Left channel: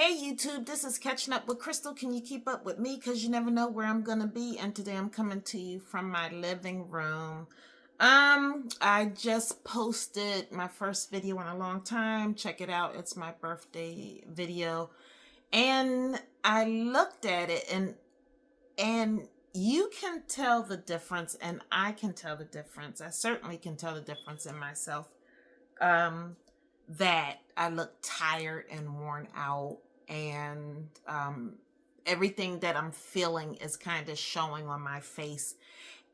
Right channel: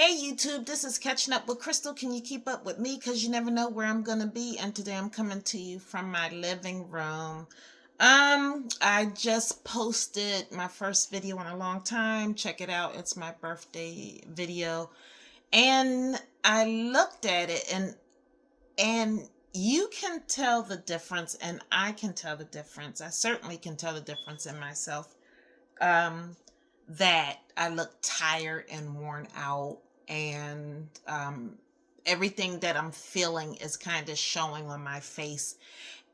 Hey YouTube, this is Catching Up with Crystal. Can you keep up with me? Because you never know where I'm going to be. And today I'm coming to you from my living room. I just posted my first video in a long time. Check it out. It's my birthday video. And I looked at it and you can tell the difference and I can tell the difference. I certainly can tell the difference in myself. Um, that I look tired and worn out, and everything that I'm feeling is kind of showing on my face.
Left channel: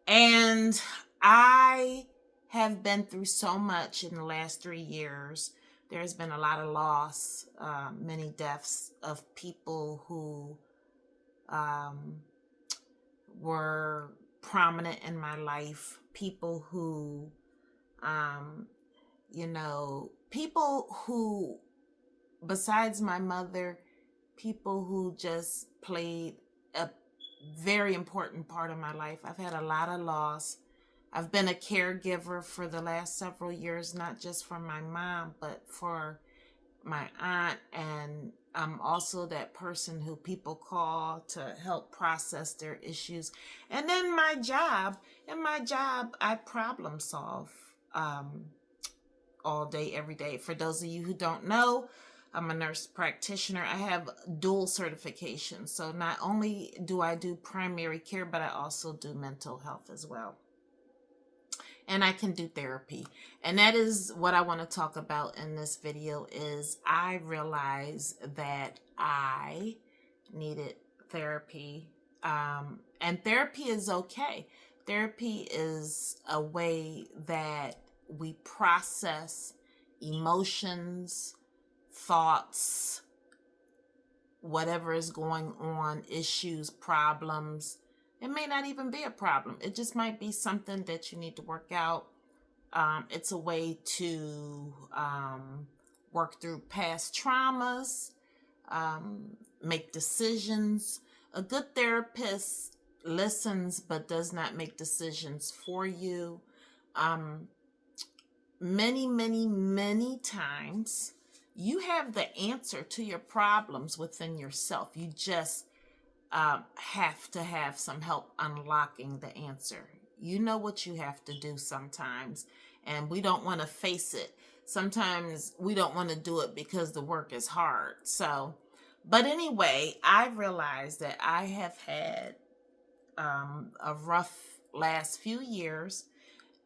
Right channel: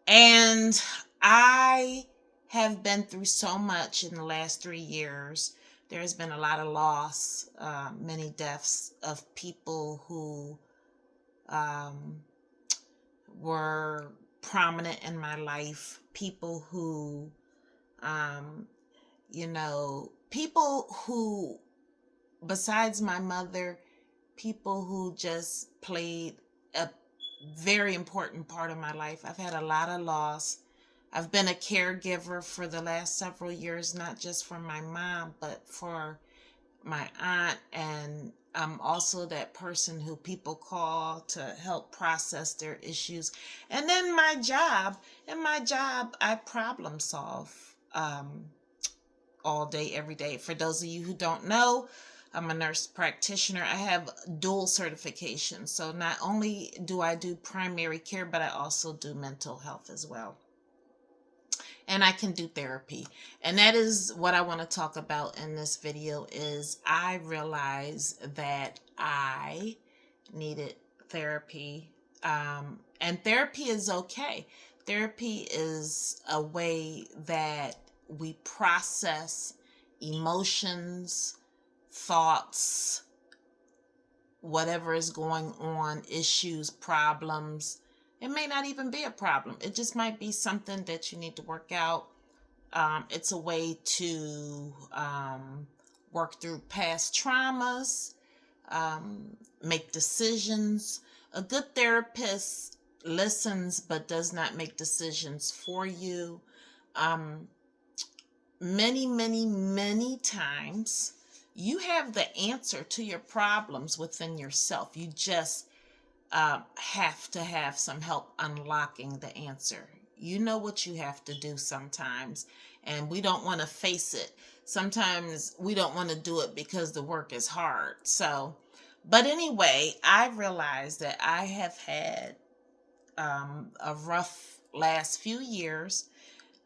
And I have been through so much in the last 3 years. There's been a lot of loss, many deaths of people who um, were prominent in my life, people who um, people who, besides my mother, people who just played a very important part of my life. I've had a lot of loss. I've been a caregiver for the last several years, not just for my mom, but for my aunt. And I'm also that person who people call to help process their issues. And then in my job, I problem solve. All day, every day. For those of you who don't know, I'm a nurse practitioner. I have dual certification. So not only do I do primary care, but I also do mental health as well. And I can do therapy. And that is what I want to talk about in this video is I realized that I needed therapy. And therapy is okay. Therapy is a way that we process emotions, thoughts, whatever is going on, issues, problems. It may not even be a problem. It just might be something that you need to work out. It's a way to work through past traumas, make decisions. A good therapist listens but does not make decisions for you. Um, many times you have the answer to your problems within yourself. You just have to have some help unlocking the answer. You know what you have to do sometimes, and we don't want to face it. Sometimes we don't want to do it because the work is hard. So, but anyway, I realized that I have had a rough last few years,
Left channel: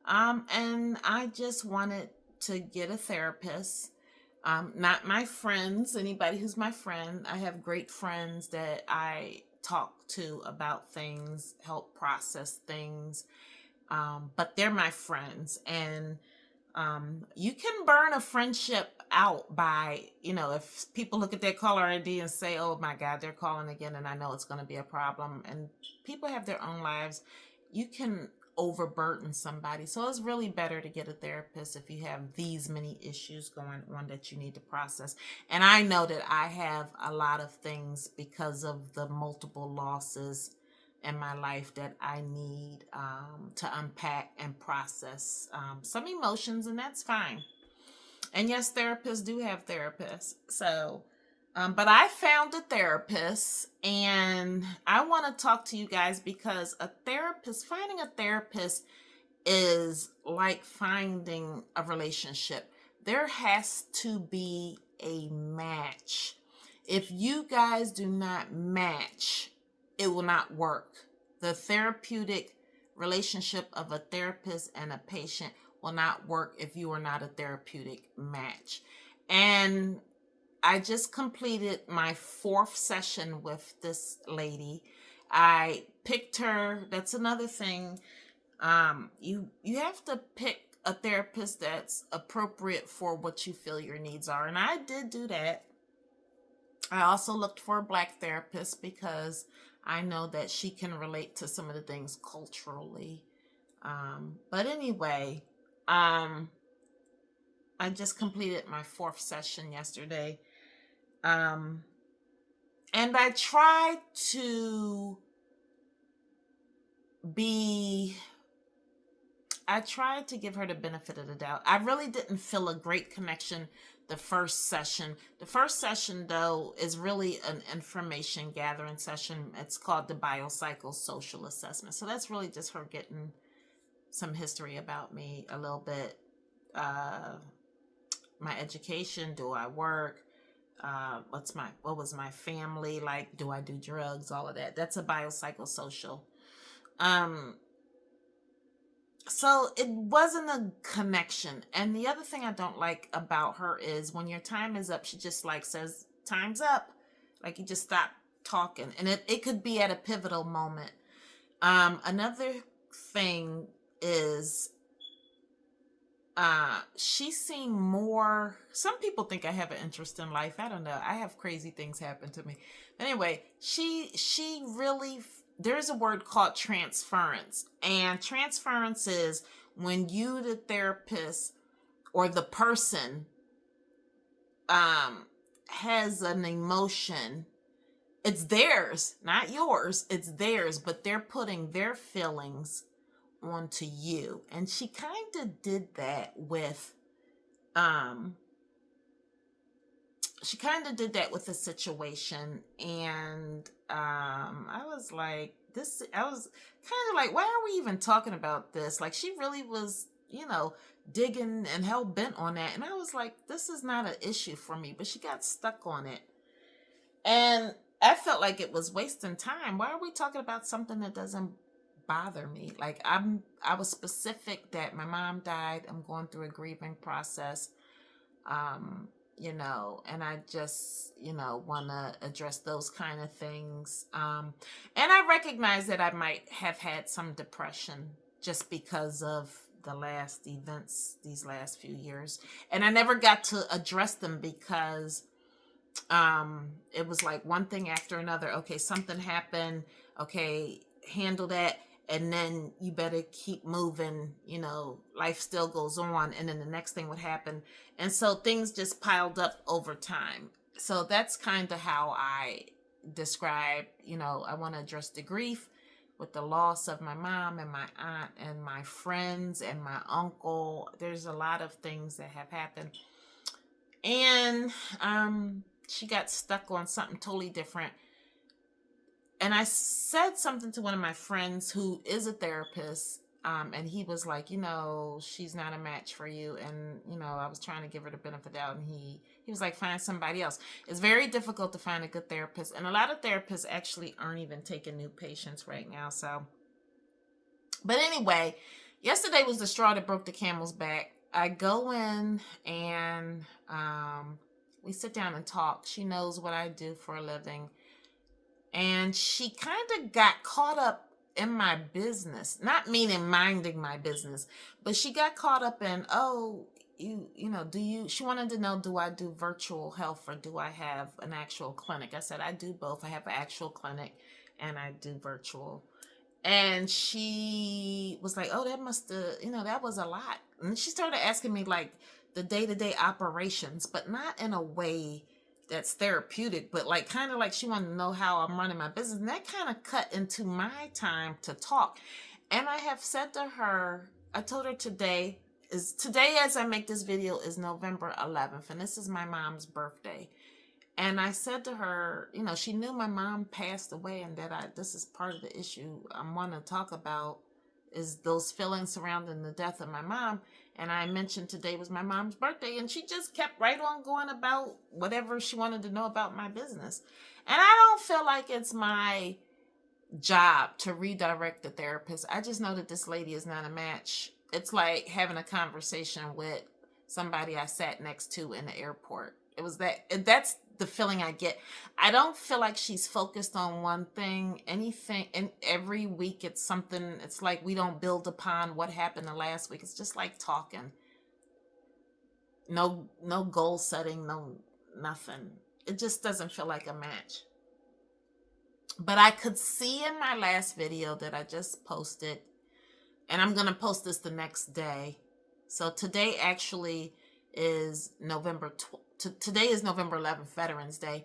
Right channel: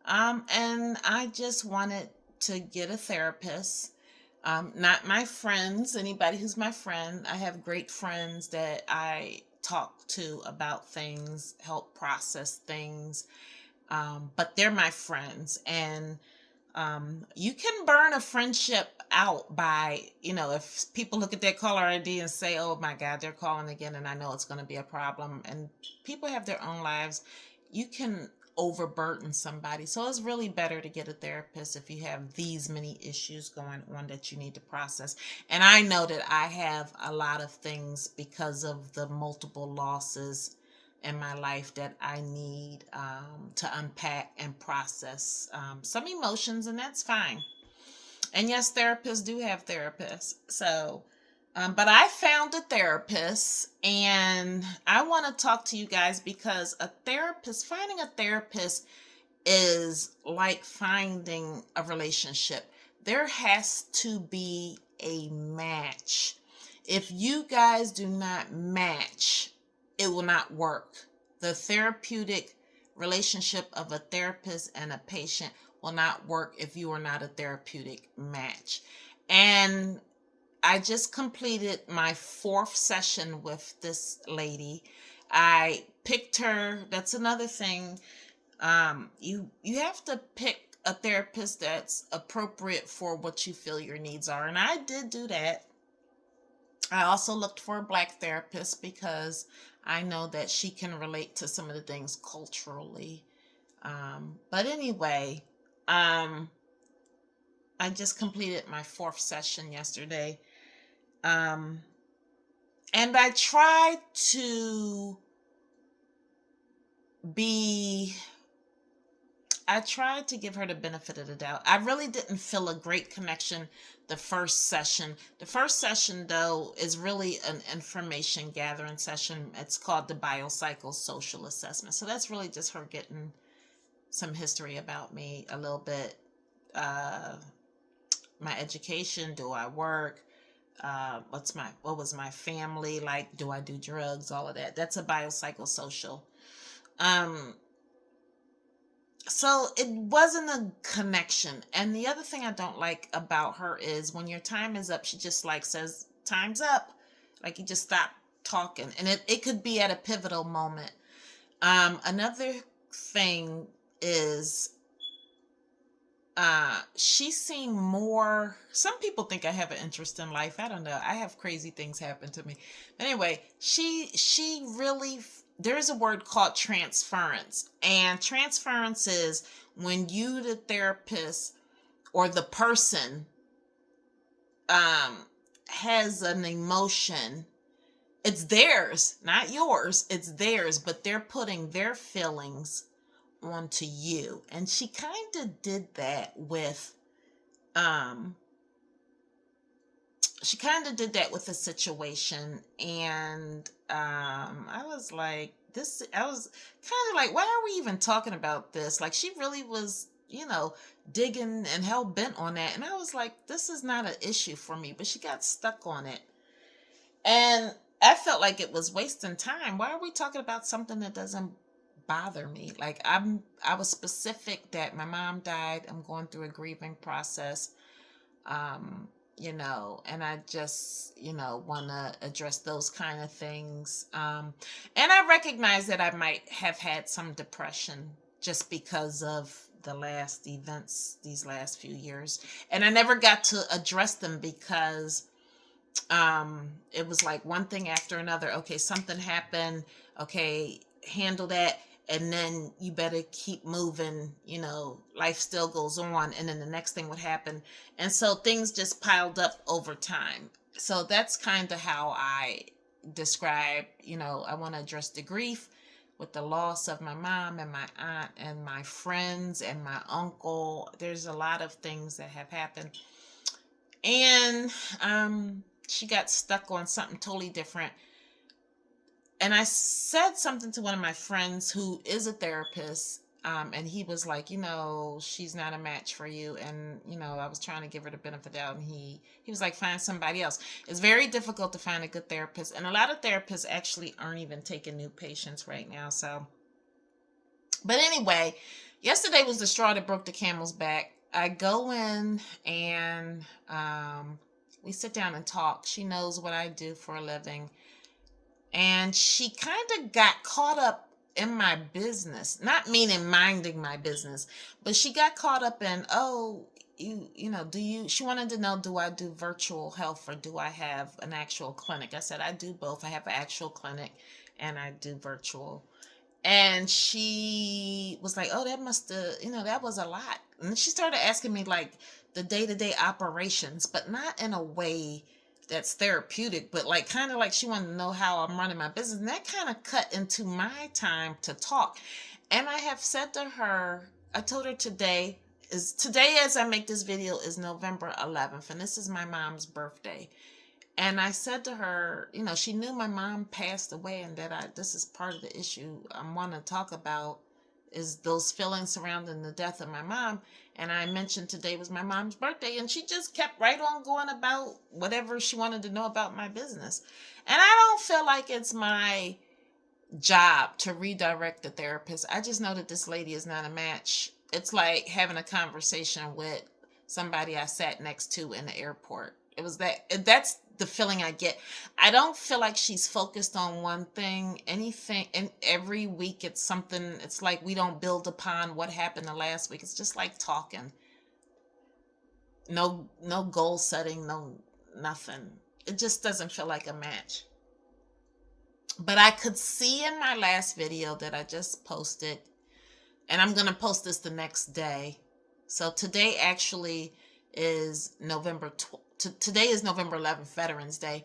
and I just wanted to get a therapist. Not my friends, anybody who's my friend. I have great friends that I talk to about things, help process things, but they're my friends. And you can burn a friendship out by, if people look at their caller ID and say, oh my God, they're calling again, and I know it's going to be a problem. And people have their own lives. You can overburden somebody. So it's really better to get a therapist if you have these many issues going on that you need to process. And I know that I have a lot of things because of the multiple losses in my life that I need to unpack and process some emotions, and that's fine. And yes, therapists do have therapists. So, but I found a therapist, and I want to talk to you guys because finding a therapist is like finding a relationship. There has to be a match. If you guys do not match, it will not work. The therapeutic relationship of a therapist and a patient will not work if you are not a therapeutic match. And I just completed my fourth session with this lady. I picked her. That's another thing. You have to pick a therapist that's appropriate for what you feel your needs are, and I did do that. I also looked for a Black therapist because I know that she can relate to some of the things culturally. But anyway, um, I just completed my fourth session yesterday. Um, and I tried to be I tried to give her the benefit of the doubt. I really didn't feel a great connection the first session. The first session, though, is really an information gathering session. It's called the biopsychosocial assessment. So that's really just her getting some history about me a little bit. Uh, my education, do I work? What was my family like? Do I do drugs? All of that. That's a biopsychosocial. Um, so it wasn't a connection. And the other thing I don't like about her is when your time is up, she just like says, time's up. Like you just stop talking. And it could be at a pivotal moment. Another thing is she seemed more, some people think I have an interest in life. I don't know. I have crazy things happen to me. But anyway, she really, there's a word called transference. And transference is when you, the therapist or the person, has an emotion. It's theirs, not yours. It's theirs, but they're putting their feelings onto you. And she kind of did that with a situation. And I was like, I was kind of like, why are we even talking about this? Like, she really was, digging and hell bent on that. And I was like, this is not an issue for me, but she got stuck on it. And I felt like it was wasting time. Why are we talking about something that doesn't bother me? Like, I was specific that my mom died. I'm going through a grieving process. And I just, want to address those kind of things. And I recognize that I might have had some depression just because of the last events these last few years. And I never got to address them because it was like one thing after another. Okay, something happened. Okay, handle that. And then you better keep moving, life still goes on. And then the next thing would happen. And so things just piled up over time. So that's kind of how I describe, I want to address the grief with the loss of my mom and my aunt and my friends and my uncle. There's a lot of things that have happened. And she got stuck on something totally different. And I said something to one of my friends who is a therapist, and he was like, she's not a match for you. And, I was trying to give her the benefit of the doubt, and he was like, find somebody else. It's very difficult to find a good therapist. And a lot of therapists actually aren't even taking new patients right now. So, but anyway, yesterday was the straw that broke the camel's back. I go in and we sit down and talk. She knows what I do for a living. And she kind of got caught up in my business, not meaning minding my business, but she got caught up in, she wanted to know, do I do virtual health or do I have an actual clinic? I said, I do both. I have an actual clinic and I do virtual. And she was like, oh, that must have, that was a lot. And she started asking me like the day-to-day operations, but not in a way that's therapeutic, but like kind of like she wanted to know how I'm running my business. And that kind of cut into my time to talk. And I have said to her, I told her today as I make this video is November 11th. And this is my mom's birthday. And I said to her, she knew my mom passed away and that this is part of the issue I want to talk about is those feelings surrounding the death of my mom. And I mentioned today was my mom's birthday, and she just kept right on going about whatever she wanted to know about my business. And I don't feel like it's my job to redirect the therapist. I just know that this lady is not a match. It's like having a conversation with somebody I sat next to in the airport. That's the feeling I get. I don't feel like she's focused on one thing, anything, and every week it's something. It's like we don't build upon what happened the last week. It's just like talking. No goal setting, no nothing. It just doesn't feel like a match. But I could see in my last video that I just posted, and I'm going to post this the next day. So today actually is today is November 11th, Veterans Day.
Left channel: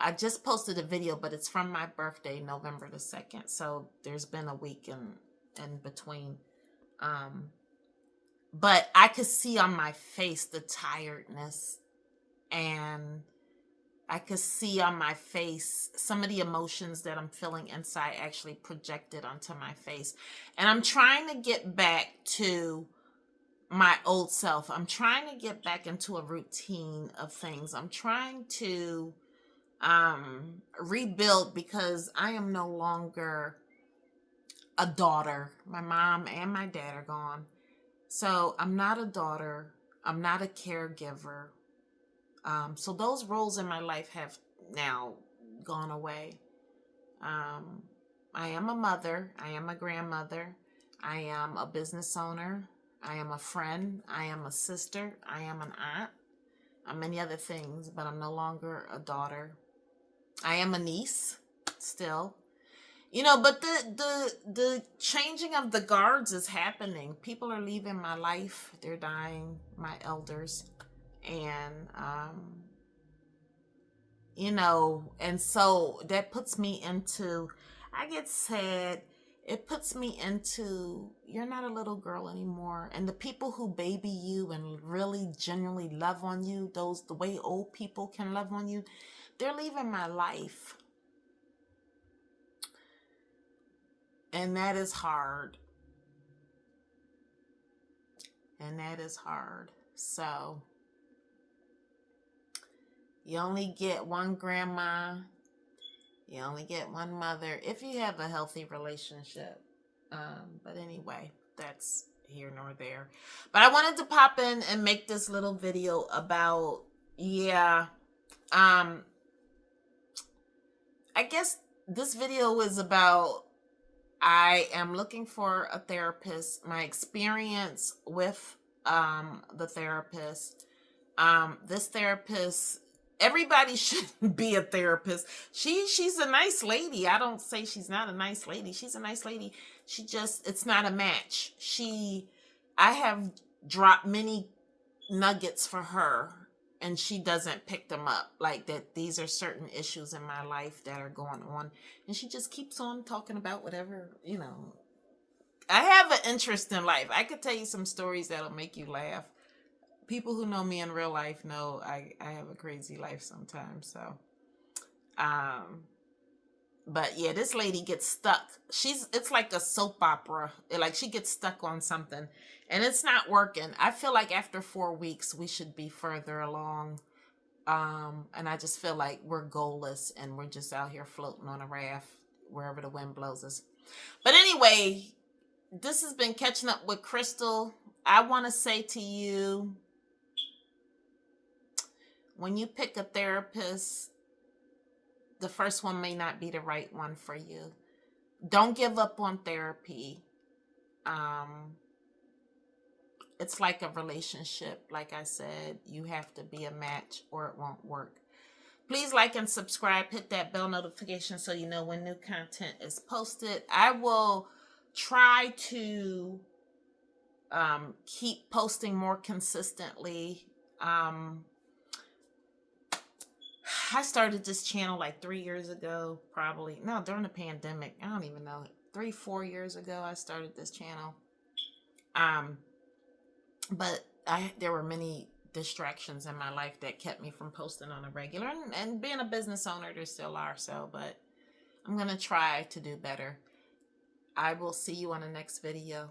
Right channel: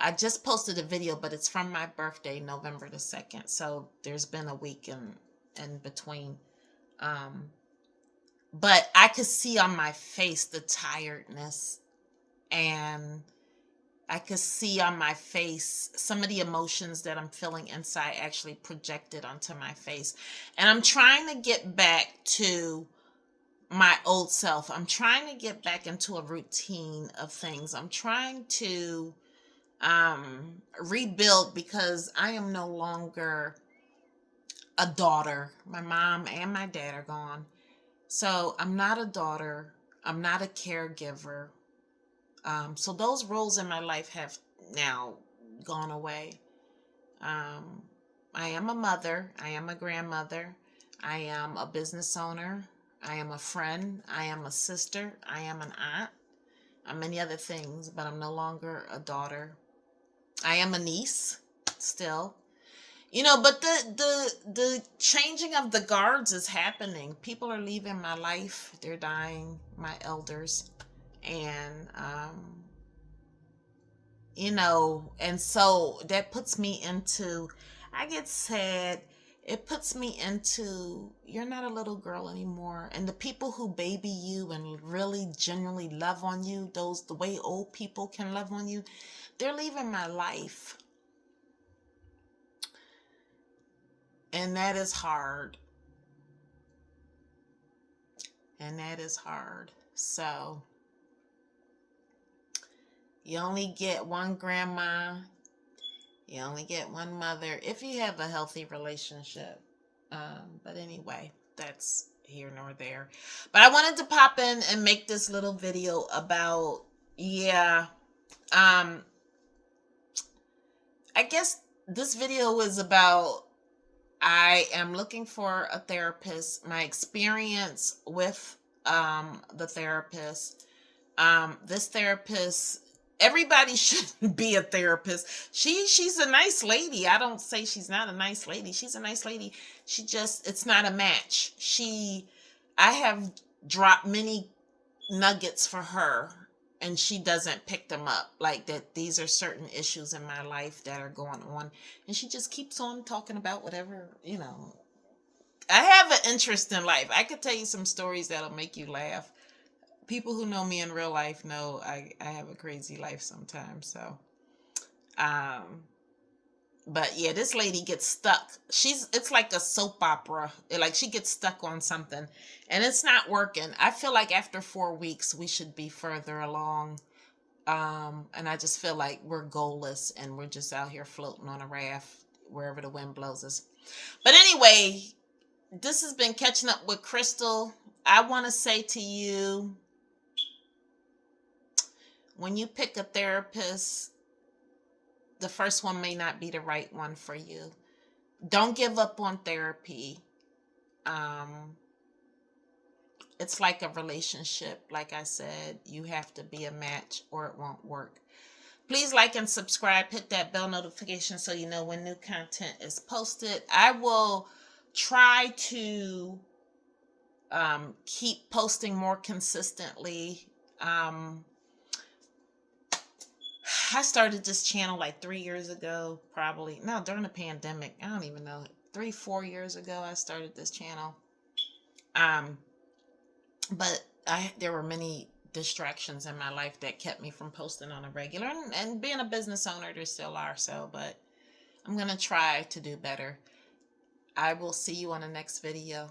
I just posted a video, but it's from my birthday, November the 2nd. So there's been a week in between. but I could see on my face the tiredness, and I could see on my face some of the emotions that I'm feeling inside actually projected onto my face. And I'm trying to get back to my old self. I'm trying to get back into a routine of things. I'm trying to rebuild, because I am no longer a daughter. My mom and my dad are gone. So I'm not a daughter. I'm not a caregiver. So those roles in my life have now gone away. Um, I am a mother. I am a grandmother. I am a business owner. I am a friend. I am a sister. I am an aunt. I'm many other things, but I'm no longer a daughter. I am a niece still. But the changing of the guards is happening. People are leaving my life. They're dying, my elders. And and so that puts me into, I get sad. It puts me into, you're not a little girl anymore. And the people who baby you and really genuinely love on you, the way old people can love on you, they're leaving my life. And that is hard. And that is hard. So you only get one grandma. You only get one mother if you have a healthy relationship. But anyway, that's here nor there. But I wanted to pop in and make this little video about, I guess this video is about, I am looking for a therapist, my experience with the therapist. This therapist, everybody should be a therapist. She's a nice lady. I don't say she's not a nice lady. She's a nice lady. It's not a match. I have dropped many nuggets for her, and she doesn't pick them up, like that these are certain issues in my life that are going on, and she just keeps on talking about whatever. I have an interest in life. I could tell you some stories that'll make you laugh. People who know me in real life know I have a crazy life sometimes. So but yeah, this lady gets stuck. It's like a soap opera. Like, she gets stuck on something and it's not working. I feel like after 4 weeks we should be further along. And I just feel like we're goalless and we're just out here floating on a raft wherever the wind blows us. But anyway, this has been Catching Up with Crystal. I want to say to you, when you pick a therapist, the first one may not be the right one for you. Don't give up on therapy. It's like a relationship. Like I said, you have to be a match or it won't work. Please like and subscribe. Hit that bell notification so you know when new content is posted. I will try to keep posting more consistently. I started this channel like 3 years ago, probably. No, during the pandemic. I don't even know. 3-4 years ago, I started this channel. But there were many distractions in my life that kept me from posting on a regular. And being a business owner, there still are. But I'm going to try to do better. I will see you on the next video.